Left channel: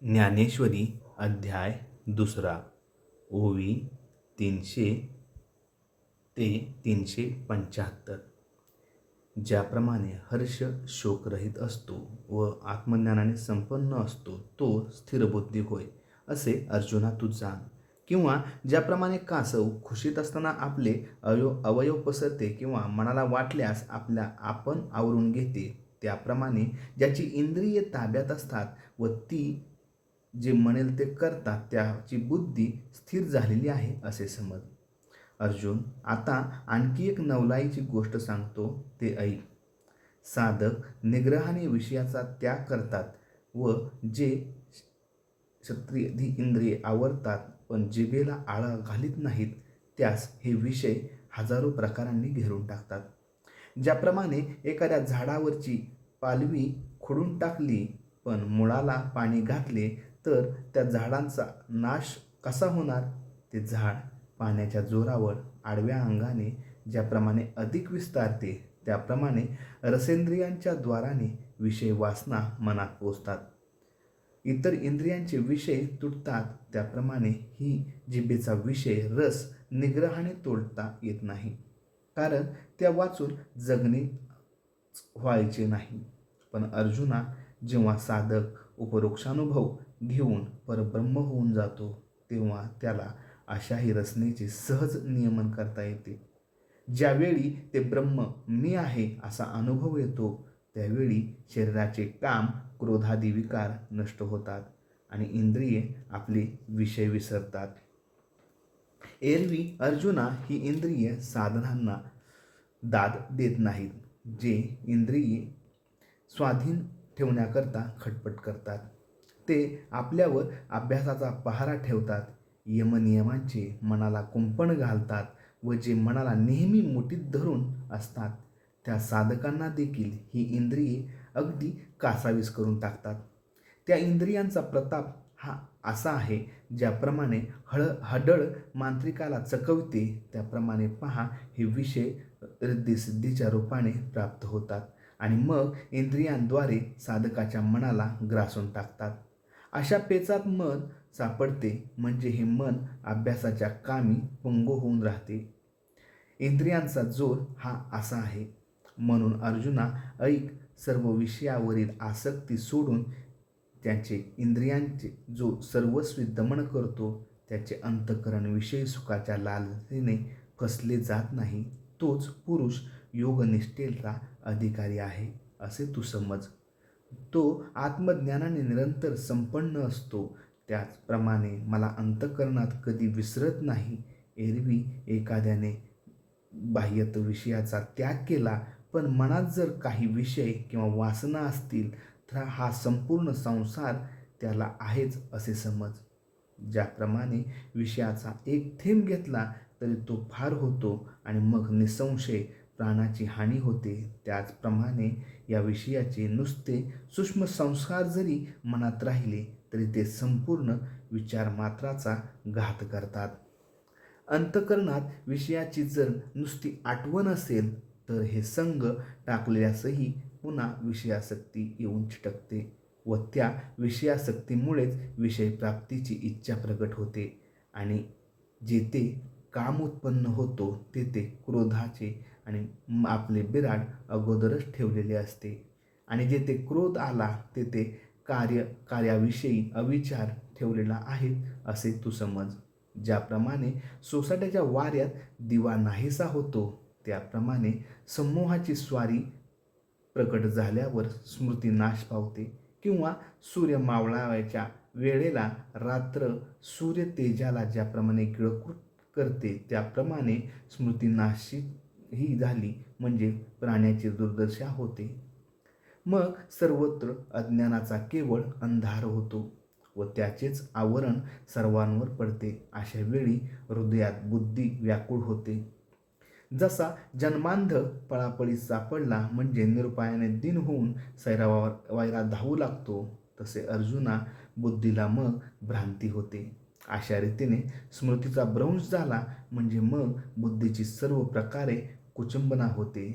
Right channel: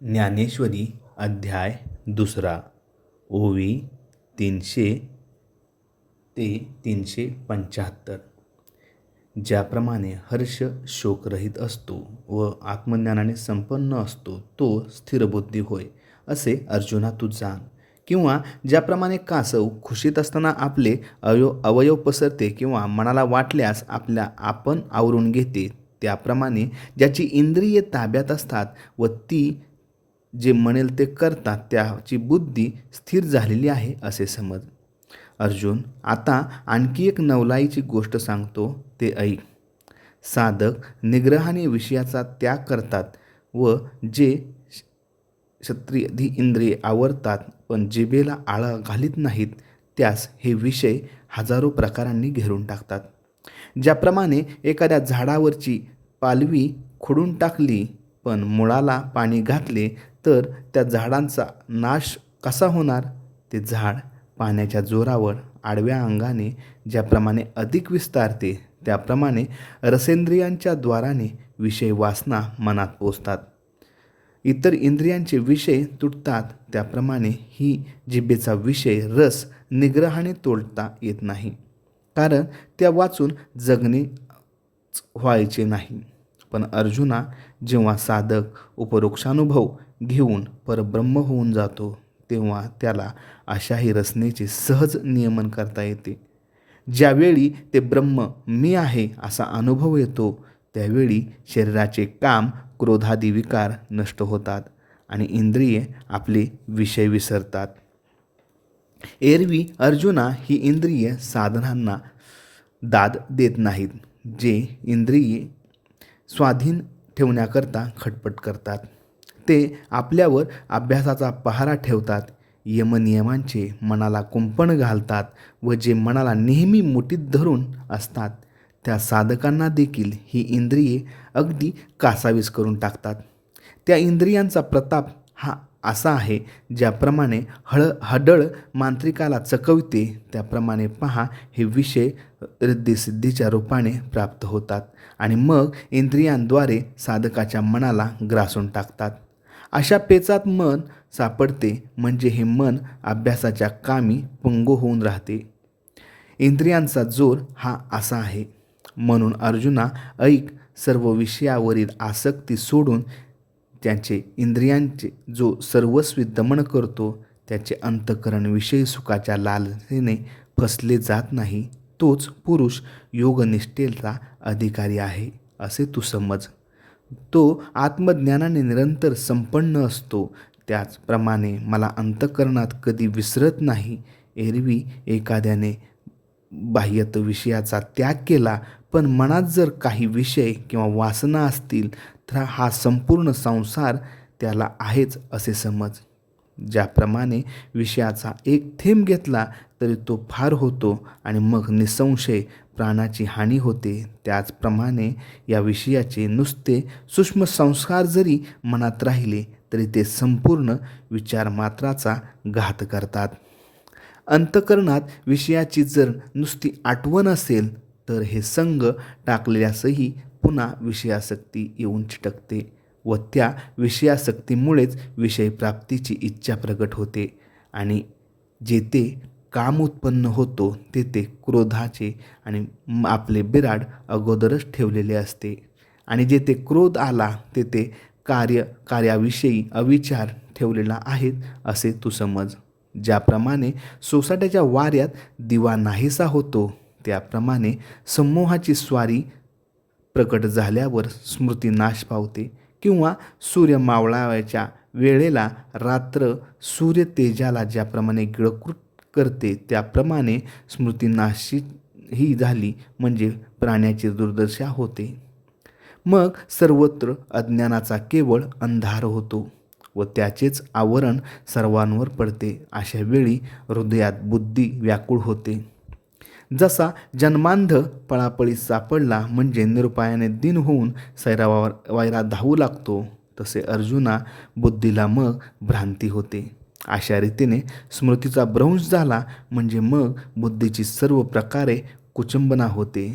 ज्ञानेश्वरी अध्याय 2 ओवी 300 ते 375. ज्याप्रमाणे हर्ष शोकरहित असतो व आत्मज्ञानाने संपन्न असतो तो स्थिरबुद्धी होय, असे अर्जुना तू जाण. किंवा ज्याप्रमाणे कासव खुशीत असताना आपले अवयव पसरते किंवा मनाला वाटल्यास आपण आवरून घेते, त्याप्रमाणे ज्याची इंद्रिये ताब्यात असतात व ती जे म्हणेल ते करतात त्याची बुद्धी स्थिर झालेली आहे असे समज. अर्जुन, आता आणखी एक नवलाईची गोष्ट सांगतो, ते ऐक. साधक निग्रहाने विषयाचा त्याग करतात व जे क्षत्रियादी इंद्रिये आवरतात पण जिभेला आळा घालीत नाहीत, त्यास हे विषय हजारो प्रकारांनी घेरून टाकतात. ज्याप्रमाणे एखाद्या झाडावरची पालवी खोडून टाकली पण मुळाला पाणी घातले तर त्या झाडांचा नाश कसा होणार? ते झाड पाण्याच्या जोरावर आडव्या अंगाने ज्याप्रमाणे अधिक विस्तारते, त्याप्रमाणे रसेंद्रियांच्या द्वाराने विषय वासना मनात पोचतात. इतर इंद्रियांचे विषय तुटतात, त्याप्रमाणे ही जिभेचा विषय रस निग्रहाने तोडता येत नाही, कारण त्या वाचून जगणे व्हायचे नाही. पण अर्जुना, जेव्हा साधक उपरोक्षानुभव घेऊन परब्रह्म होऊन जातो तेव्हा त्याला अशाही रचनेचे सहज नियमन करता येते. ज्यावेळी ते ब्रह्म मी आहे असा अनुभव येतो त्यावेळी शरीराचे काम क्रोधादी विकार नष्ट होतात आणि इंद्रिये आपले विषय विसरतात. एरवी अर्जुना, ही इंद्रिये साधनांना दाद देत नाहीत. जे इंद्रिये स्वाधीन ठेवण्याकरता खटपट करतात ते आपल्यावर अभ्यासाचा पहारा ठेवतात, यमनियमांचे मनाला कुंपण घालतात व जे मनाला नेहमी मुठीत धरून असतात त्या साधकांना देखील ही इंद्रिये अगदी कासावीस करून टाकतात. त्या इंद्रियांचा प्रताप हा असा आहे, ज्याप्रमाणे हडळ मांत्रिकाला चकवते त्याप्रमाणे पहा हे विषय रिद्धिसिद्धीच्या रूपाने प्राप्त होतात आणि मग इंद्रियांद्वारे साधकाच्या मनाला ग्रासून टाकतात. अशा पेचात मन सापडते म्हणजे हे मन अभ्यासाच्या कामी पंगू होऊन राहते. इंद्रियांचा जोर हा असा आहे. म्हणून अर्जुना ऐक, सर्व विषयावरील आसक्ती सोडून त्याचे इंद्रियांचे जो सर्वस्वी दमन करतो त्याचे अंतःकरण विषयी सुखाच्या लालसेने फसले जात नाही, तोच पुरुष योगनिष्ठेचा अधिकारी आहे असे तू समज. तो आत्मज्ञानाने निरंतर संपन्न असतो. त्याचप्रमाणे मला अंतःकरणात कधी विसरत नाही. एरवी एखाद्याने बाह्यत विषयाचा त्याग केला पण मनात जर काही विषय किंवा वासना असतील तर हा संपूर्ण संसार त्याला आहेच असे समज. ज्याप्रमाणे विषयाचा एक थेंब घेतला तरी तो फार होतो आणि मग निसंशय प्राणाची हानी होते, त्याचप्रमाणे या विषयाचे नुसते सूक्ष्म संस्कार जरी मनात राहिले तरी ते संपूर्ण विचारमात्राचा घात करतात. अंतःकरणात विषयाची जर नुसती आठवण असेल तर हे संग टाकलेल्यासही पुन्हा विषयासक्ती येऊन चिटकते व त्या विषयासक्तीमुळेच विषयप्राप्तीची इच्छा प्रगट होते आणि जेथे काम उत्पन्न होतो तेथे क्रोधाचे आणि आपले बिराड अगोदरच ठेवलेले असते आणि जेथे क्रोध आला तेथे कार्याविषयी अविचार ठेवलेला आहे असे तू समज. ज्याप्रमाणे सोसाट्याच्या वाऱ्यात दिवा नाहीसा होतो त्याप्रमाणे समूहाची स्वारी प्रकट झाल्यावर स्मृती नाश पावते किंवा सूर्य मावळाव्याच्या वेळेला रात्र सूर्य तेजाला ज्याप्रमाणे गिळंकृत करते त्याप्रमाणे स्मृती नाशी ही झाली म्हणजे प्राण्याची दुर्दशा होते. मग सर्वत्र अज्ञानाचा केवळ अंधार होतो व त्याचेच आवरण सर्वांवर पडते. अशा वेळी हृदयात बुद्धी व्याकुळ होते. जसा जन्मांध पळापळीत सापडला म्हणजे निरुपायाने दिन होऊन सैरावायरा धावू लागतो, तसे अर्जुना बुद्धीला मग भ्रांती होते. अशा रीतीने स्मृतीचा भ्रंश झाला म्हणजे मग बुद्धीची सर्व प्रकारे कुचंबना होते.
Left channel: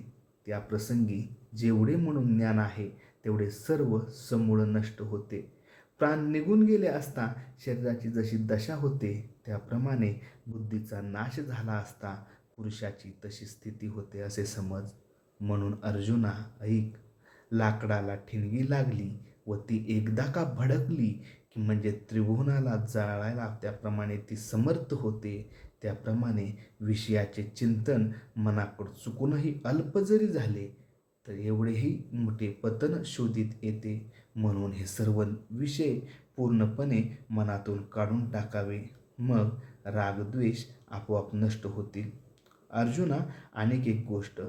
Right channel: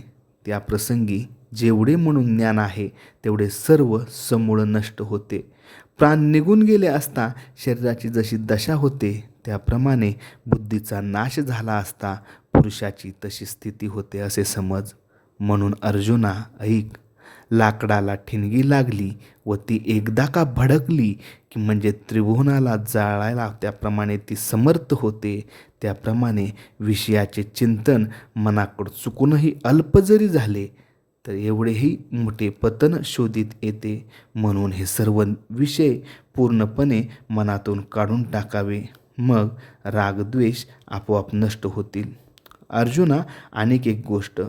त्या प्रसंगी जेवढे म्हणून ज्ञान आहे तेवढे सर्व समूळ नष्ट होते. प्राण निघून गेले असता शरीराची जशी दशा होते त्याप्रमाणे बुद्धीचा नाश झाला असता पुरुषाची तशी स्थिती होते असे समज. म्हणून अर्जुना ऐक, लाकडाला ठिणगी लागली व ती एकदा का भडकली की म्हणजे त्रिभुवनाला जाळायला त्याप्रमाणे ती समर्थ होते. त्याप्रमाणे विषयाचे चिंतन मनाकडून चुकूनही अल्प जरी झाले तर एवढेही मोठे पतन शोधित येते. म्हणून हे सर्व विषय पूर्णपणे मनातून काढून टाकावे, मग रागद्वेष आपोआप नष्ट होतील. अर्जुना, आणखी एक गोष्ट,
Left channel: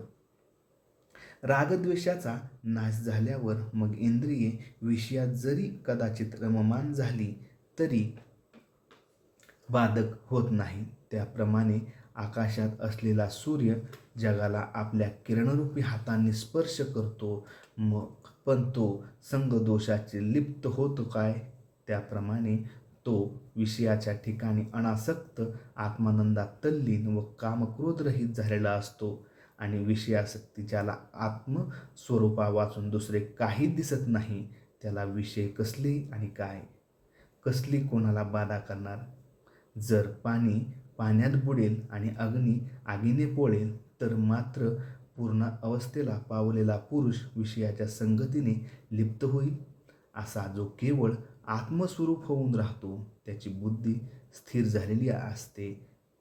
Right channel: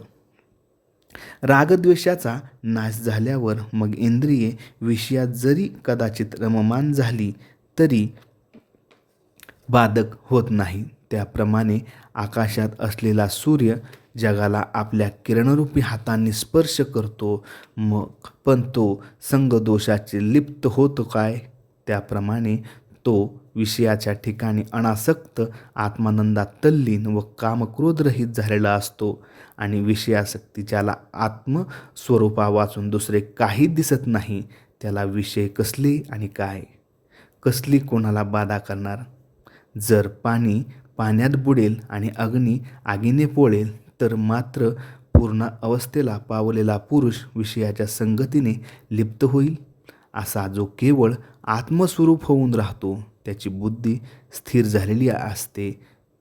रागद्वेषाचा नाश झाल्यावर मग इंद्रिये विषयात जरी कदाचित रममाण झाली तरी बाधक होत नाही. त्याप्रमाणे आकाशात असलेला सूर्य जगाला आपल्या किरणरूपी हातांनी स्पर्श करतो, मग पण तो संगदोषाचे लिप्त होतो काय? त्याप्रमाणे तो विषयाच्या ठिकाणी अनासक्त आत्मानंदात तल्लीन व कामक्रोधरहित झालेला असतो. आणि विषयासक्ती ज्याला आत्मस्वरूपा वाचून दुसरे काही दिसत नाही त्याला विषय कसले आणि काय, कसली कोणाला बाधा करणार? जर पाणी पाण्यात बुडेल आणि अग्नी आगीने पोळेल तर मात्र पूर्ण अवस्थेला पावलेला पुरुष विषयाच्या संगतीने लिप्त होईल. असा जो केवळ आत्मस्वरूप होऊन राहतो त्याची बुद्धी स्थिर झालेली असते,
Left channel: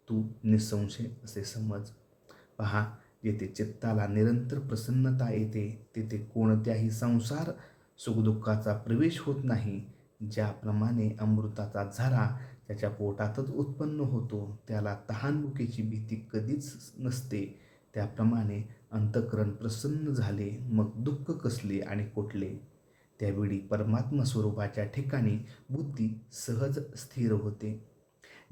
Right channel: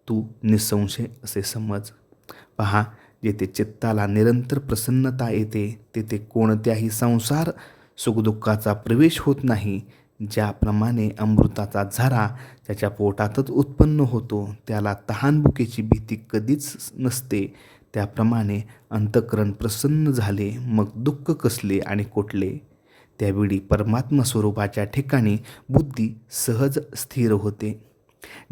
तू निसंशय असे समज. पहा, जेथे चित्ताला निरंतर प्रसन्नता येते तेथे कोणत्याही संसार सुखदुःखाचा प्रवेश होत नाही. ज्याप्रमाणे अमृताचा झरा त्याच्या पोटातच उत्पन्न होतो त्याला तहानभुकेची भीती कधीच नसते, त्याप्रमाणे अंतःकरण प्रसन्न झाले मग दुःख कसले आणि कुठले? त्यावेळी परमात्मा स्वरूपाच्या ठिकाणी बुद्धी सहज स्थिर होते.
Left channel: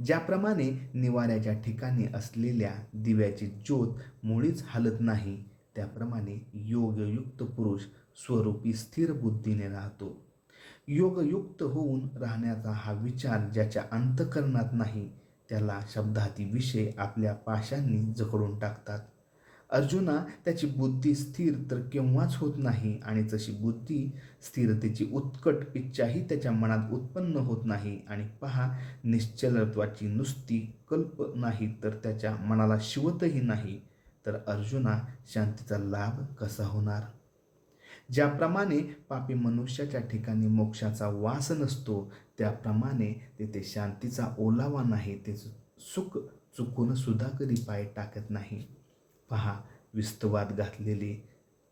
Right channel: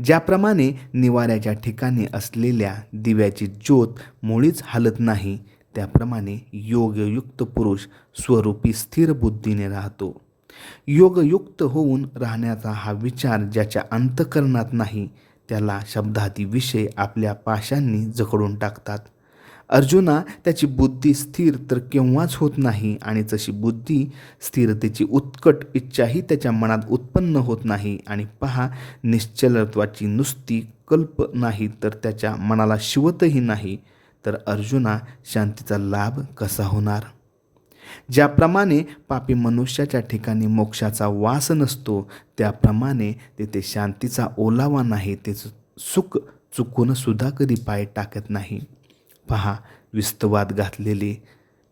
ज्याप्रमाणे निवाऱ्याच्या ठिकाणी असलेल्या दिव्याची ज्योत मुळीच हलत नाही त्याप्रमाणे योगयुक्त पुरुष स्वरूपी स्थिर बुद्धीने राहतो. योगयुक्त होऊन राहण्याचा हा विचार ज्याच्या अंतःकरणात नाही त्याला शब्दादी विषय आपल्या पाशांनी जखडून टाकतात. अर्जुना, त्याची बुद्धी स्थिर तर केव्हाच होत नाही आणि तशी बुद्धी स्थिरतेची उत्कट इच्छाही त्याच्या मनात उत्पन्न होत नाही. आणि पहा, निश्चलत्वाची नुसती कल्प नाही तर त्याच्या मनाला शिवतही नाही, तर अर्जुना शांतीचा लाभ कसा होणार? ज्याप्रमाणे पापी मनुष्याच्या ठिकाणी मोक्षाचा वास नसतो त्याप्रमाणे तेथे शांतीचा ओलावा नाही, ते सुख चुकून सुद्धा कधी पाय टाकत नाही. पहा, विस्तवात घातलेले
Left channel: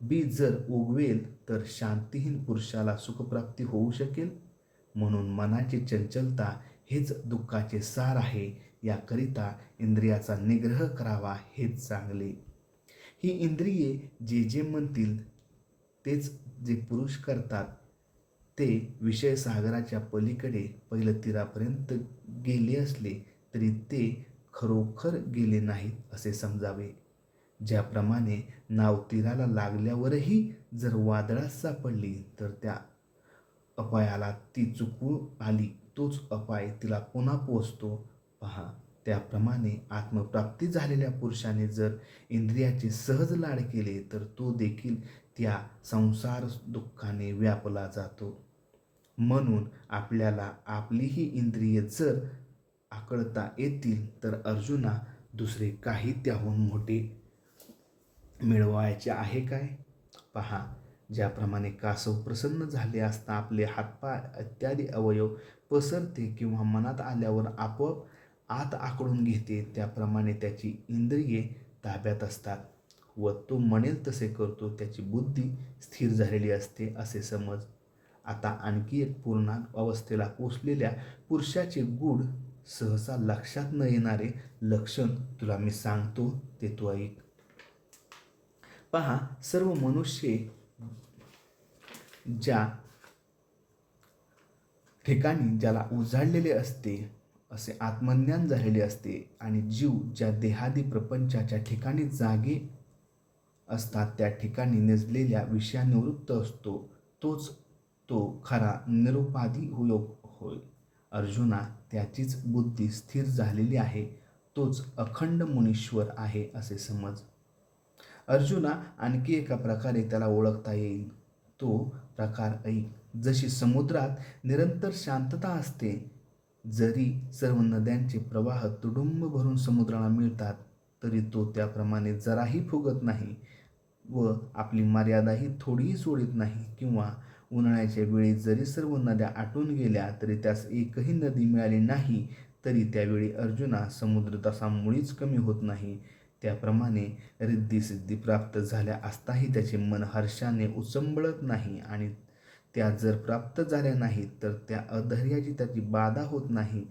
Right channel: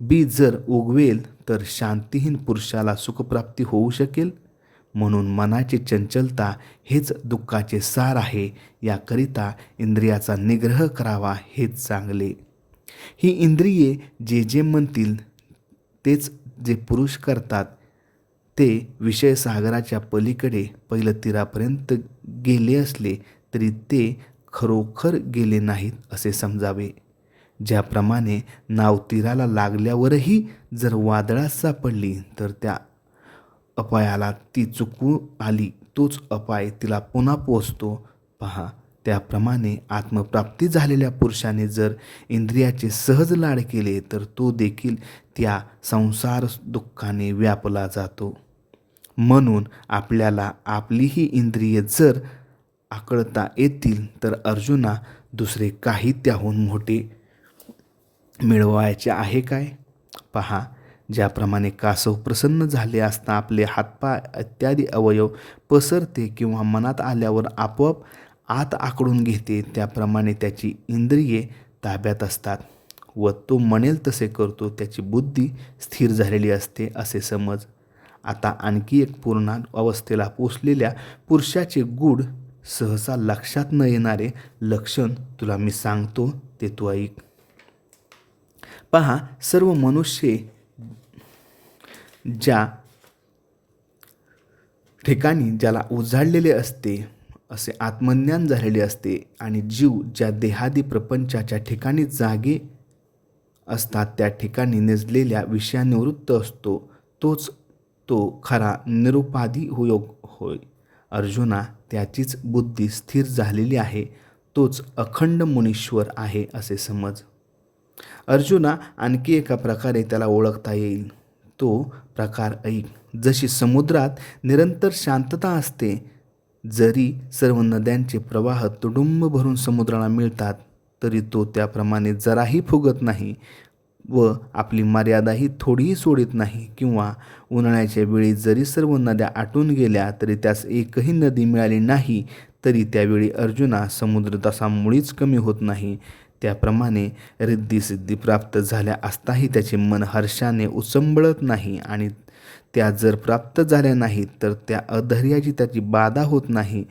बी जर उगवेल तर शांतीहीन पुरुषाला सुखप्राप्ती होऊ शकेल. म्हणून मनाची चंचलता हेच दुःखाचे सार आहे. याकरिता इंद्रियाचा निग्रह करावा हेच चांगले. ही इंद्रिये जे जे म्हणतील तेच जे पुरुष करतात ते विषयसागराच्या पलीकडे पहिलं तीरापर्यंत गेले असले तरी ते खरोखर गेले नाहीत असे समजावे. ज्याप्रमाणे नाव तीराला लागल्यावरही जर वादळात सापडली तर त्या अपायाला ती चुकू आली तोच अपाय तिला पुन्हा पोचतो. पहा, त्याप्रमाणे आत्मप्राप्ती झालेल्या पुरुषाने जर इंद्रियाचे सहज लाड केले तर तो देखील त्या संसार दुःखाने व्यापला जातो. म्हणून आपल्याला आपलीही इंद्रिये जर आकळता येतील तर अर्जुना, दुसरे काही त्याहून मोठे मिळवायचे आहे काय? पहा, ज्याप्रमाणे कासव प्रसन्न झाले असता आपले हातपाय इत्यादी अवयव पसरते किंवा मनात आल्यावर आपोआप आत आकडून घेते त्याप्रमाणे त्याची इंद्रिये ताब्यात असतात व तो म्हणेल तसे करतो. त्याची बुद्धी स्थिर झालेली असते असे समज. आता आणखी एक पूर्ण अवस्थेला पोचलेल्या पुरुषाचे गूढ सहसा लक्षात न येणारे लक्षण तुला मी सांगतो ते तू ऐक. पहा, सर्व मनुष्य ज्या ठिकाणी ज्याला उजाडलेले असते असे आत्मज्ञान झालेले असते आणि जीव ज्या देहादी प्रपंचाच्या ठिकाणी जागे असतात त्या ठिकाणी निजलेल्या विषयानिवृत्त असतो तोच तो खरा निरुपाधी योग होय. अर्जुना, त्याचीच बुद्धी स्थिर झालेली आहे, तोच अखंड मुनीश्वर आहे असे समज. अर्जुना, आणखी एका प्रकारे त्याला ओळखता येईल. तो प्रकार ऐक. जशी समुद्रात निरंतर शांतता असते, जरी सर्व नद्यांचे प्रवाह तुडुंब भरून समुद्राला मिळतात, तरी तो त्याप्रमाणे जराही फुगत नाही व आपली मर्यादाही थोडीही सोडित नाही. किंवा उन्हाळ्याच्या वेळी जरी सर्व नद्या आटून गेल्या, तरी त्यास एकही नदी मिळाली नाही, तरी त्यावेळी अर्जुना समुद्र तसा मुळीच कमी होत नाही. त्याप्रमाणे रिद्धिसिद्धी प्राप्त झाल्या असताही त्याचे मन हर्षाने उचंबळत नाही, आणि त्या जर प्राप्त झाल्या नाहीत तर त्या अधैर्याची त्याची बाधा होत नाही.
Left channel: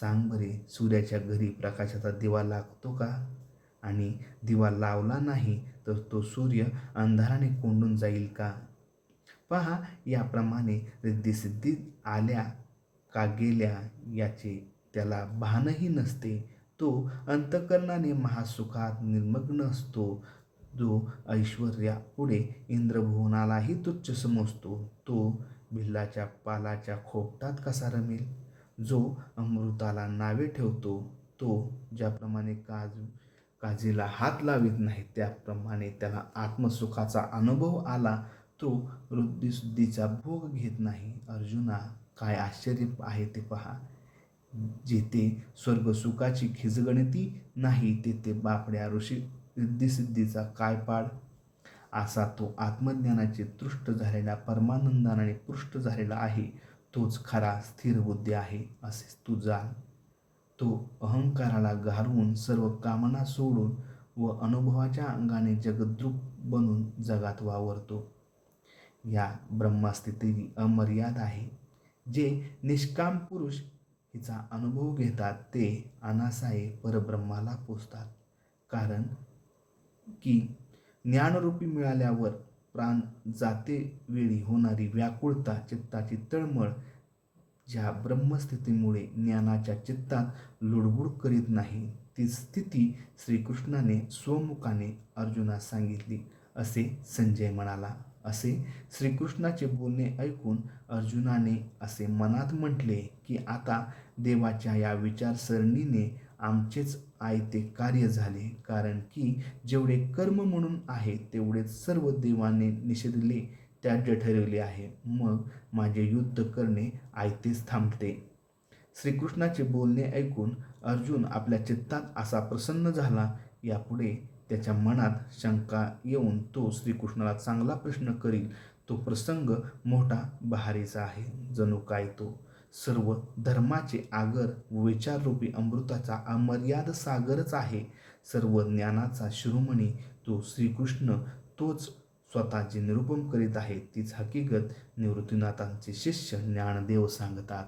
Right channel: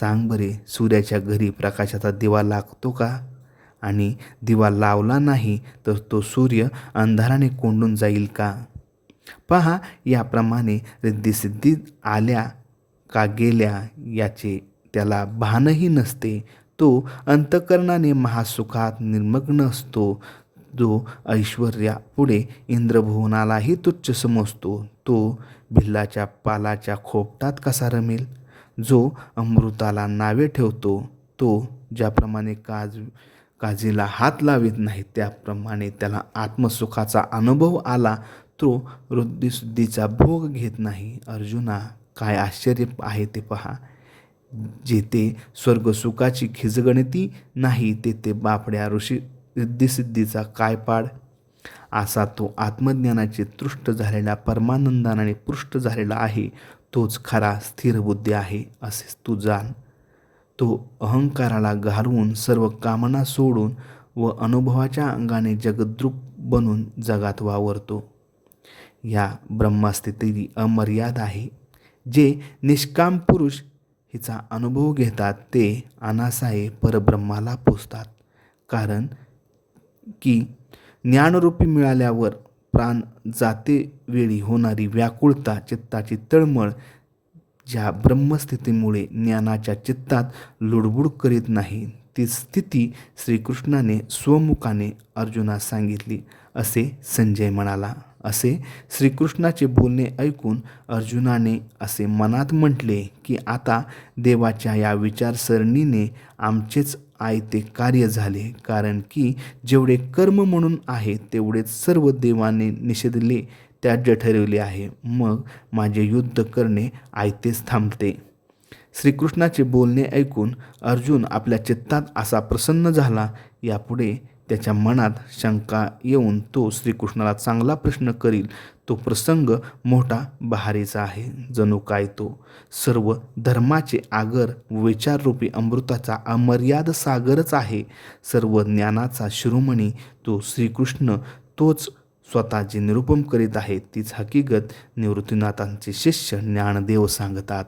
सांग बरे, सूर्याच्या घरी प्रकाशाचा दिवा लागतो का? आणि दिवा लावला नाही तर तो सूर्य अंधाराने कोंडून जाईल का? पहा, याप्रमाणे रिद्धिसिद्धी आल्या का गेल्या याचे त्याला भानही नसते. तो अंतःकरणाने महासुखात निर्मग्न असतो. जो ऐश्वर्यापुढे इंद्रभुवनालाही तुच्छ समजतो, तो भिल्लाच्या पालाच्या खोपटात कसा रमेल? जो अमृताला नावे ठेवतो, तो ज्याप्रमाणे काजीला हात लावित नाही, त्याप्रमाणे त्याला आत्मसुखाचा अनुभव आला, तो रिद्धिसिद्धीचा भोग घेत नाही. अर्जुना, काय आश्चर्य आहे ते पहा. जेथे स्वर्गसुखाची खिजगणती नाही, तेथे बापड्या ऋषी रिद्धिसिद्धीचा काय पाड? असा तो आत्मज्ञानाचे तृष्ट झालेला, परमानंदाने पुष्ट झालेला आहे, तोच खरा स्थिर बुद्धी आहे, असे तू जाण. तो अहंकाराला घालवून, सर्व कामना सोडून व अनुभवाच्या अंगाने जगद्रूप बनून जगात वावरतो. या ब्रह्मस्थिती अमर्याद आहे. जे निष्काम पुरुष हिचा अनुभव घेतात, ते अनासाये परब्रह्माला पोचतात. कारण की ज्ञानरूपी मिळाल्यावर प्राण जाते वेळी होणारी व्याकुळता, चित्ताची तळमळ, ज्या ब्रह्मस्थितीमुळे ज्ञानाच्या चित्तात लुडबुड करीत नाही, ती स्थिती श्रीकृष्णाने स्वमुखाने अर्जुनास सांगितली, असे संजय म्हणाला. असे श्रीकृष्णाचे बोलणे ऐकून अर्जुनाने असे मनात म्हटले की आता देवाच्या या विचारसरणीने आमचेच आयते कार्य झाले. कारण की जेवढे कर्म म्हणून आहे, तेवढेच सर्व देवाने निषेधले, त्याज्य ठरवले आहे. मग माझे युद्ध करणे आयतेच थांबते. श्रीकृष्णाचे बोलणे ऐकून अर्जुन आपल्या चित्तात असा प्रसन्न झाला. यापुढे त्याच्या मनात शंका येऊन तो श्रीकृष्णाला चांगला प्रश्न करील. तो प्रसंग मोठा बहारीचा आहे. जणू काय तो सर्व धर्माचे आगर व विचाररूपी अमृताचा अमर्याद सागरच आहे. सर्व ज्ञानाचा शिरोमणी तो श्रीकृष्ण, तोच स्वतः जे निरूपण करीत आहे, तीच हकीकत निवृत्तीनाथांचे शिष्य ज्ञानदेव सांगतात.